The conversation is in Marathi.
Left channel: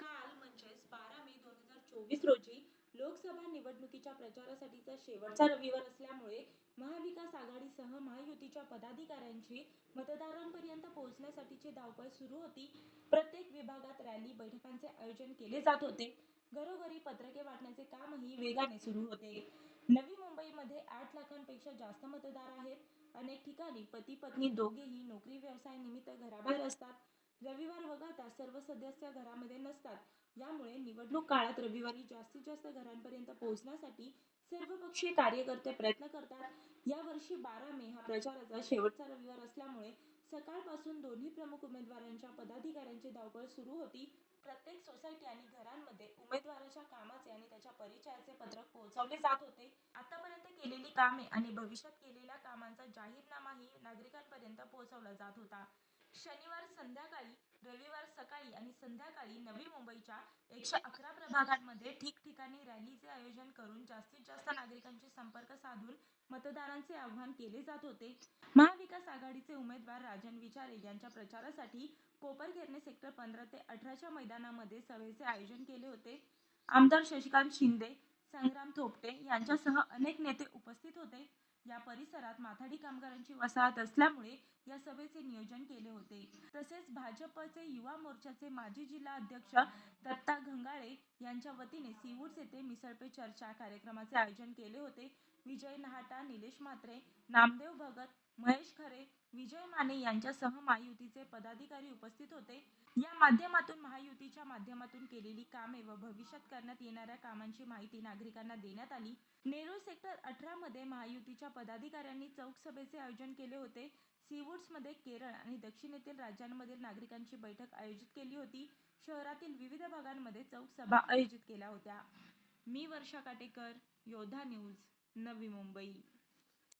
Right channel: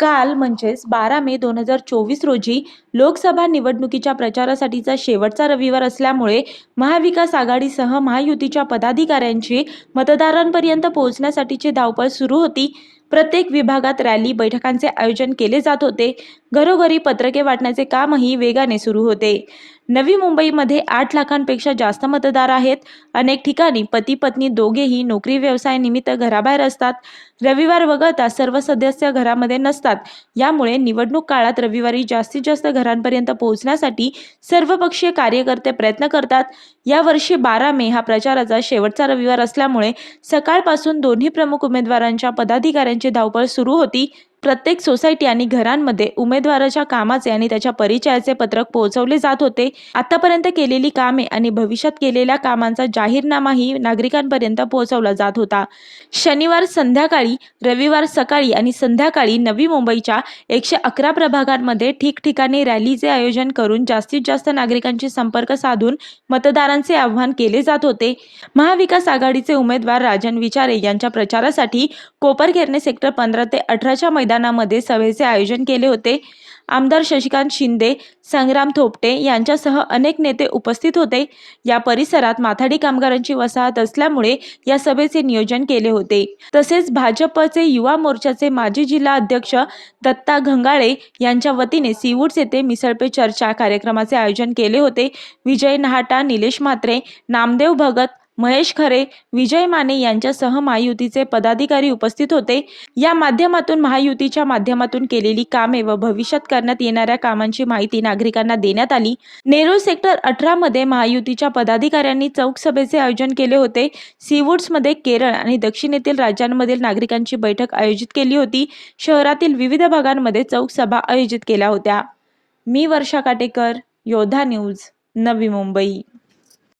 काल म्हणजेच 12 मे 2024 रोजी लोकसभा निवडणुकीच्या प्रचारासाठीचा शेवटचा रविवार असल्यामुळे महाविकास आघाडीसह महायुतीच्या पदाधिकाऱ्यांची मतदारांपर्यंत पोहोचण्यासाठीची धावपळ सुरू होती. प्रत्येक विभागात रॅली, बैठकांचे आयोजन केले जात होते. घरोघरी पत्रके वाटण्याचे कामही वेगाने सुरू होते. नवी मुंबईमध्ये 8 लाखांपेक्षा जास्त मतदार आहेत. अनेक ठिकाणी पती-पत्नी दोघेही नोकरी व्यवसायानिमित्त घराबाहेर असतात. रविवार वगळता सर्व सदस्य घरामध्ये नसतात. यामुळे निवडणूक काळात रविवारी जास्तीत जास्त घरांपर्यंत पोहोचण्यासाठी सर्वपक्षीय कार्यकर्ते प्रयत्न करतात. यावर्षी 12 मे हा प्रचाराचा शेवटचा रविवार असल्यामुळे सकाळपासून दोन्ही प्रमुख उमेदवारांच्या पदाधिकाऱ्यांची धावपळ सुरू होती. प्रत्येक सोसायटी आणि घरांमध्ये उमेदवाराच्या कामाचे आणि त्याच्या परिचयाचे पत्रक पोहोचवले जात होते. आतापर्यंत केलेली कामे आणि भविष्यात केलेल्या कामांचा जाहीरनामाही नागरिकांपर्यंत पोहोचवला जात होता. शनिवार संध्याकाळी, रविवार सकाळी आणि संध्याकाळी नवी मुंबईच्या 111 प्रभागांमध्ये ठिकठिकाणी रॅलीचे आयोजन करून जास्तीत जास्त नागरिकांशी संपर्क साधून मतदारांचे आवाहन केले जात होते. महाविकास आघाडीचे उमेदवार राजन विचारे यांच्या प्रचारासाठी कोपरखैरणे सेक्टर 15 ते 18च्या मैदानामध्ये सभेचे आयोजन केले होते. आमदार शशिकांत शिंदे, संग्राम थोपटे यांच्यासह अनेक नेते उपस्थित होते. या परिसरात माथाडी कामगारांची वसाहत असल्यामुळे या सभेचे नियोजन केले होते. तसेच भाजपचे युवा मोर्चाचे माजी जिल्हा अध्यक्ष दत्ता घंगाळे यांच्या वतीने सीवूड्स येथे मिसळ पे चर्चा कार्यक्रमाचे आयोजन केले होते. विजय नहाटा, निलेश म्हात्रे, नामदेव भगत, महेश खरे, विजय माने यांच्यासह महायुतीचे पदाधिकारी उपस्थित होते. या माध्यमातून महायुतीच्या माध्यमातून केलेली कामे व भविष्यात करण्यात येणाऱ्या कामांची माहिती नागरिकांना देण्यात आली. नेरूळ सेक्टर 18 मध्ये महायुतीच्या पदाधिकाऱ्यांनी चौक सभेचे आयोजन केले होते. सीवूड्समध्ये केरळ आणि दक्षिणेतील राज्यांमधील नागरिकांची बैठक आयोजित केली होती. शहरातील विविध भागांमध्ये चौक सभा आयोजित केल्या होत्या. मी वर्षा काटेकर, योद्धा न्यूज, नवी मुंबई.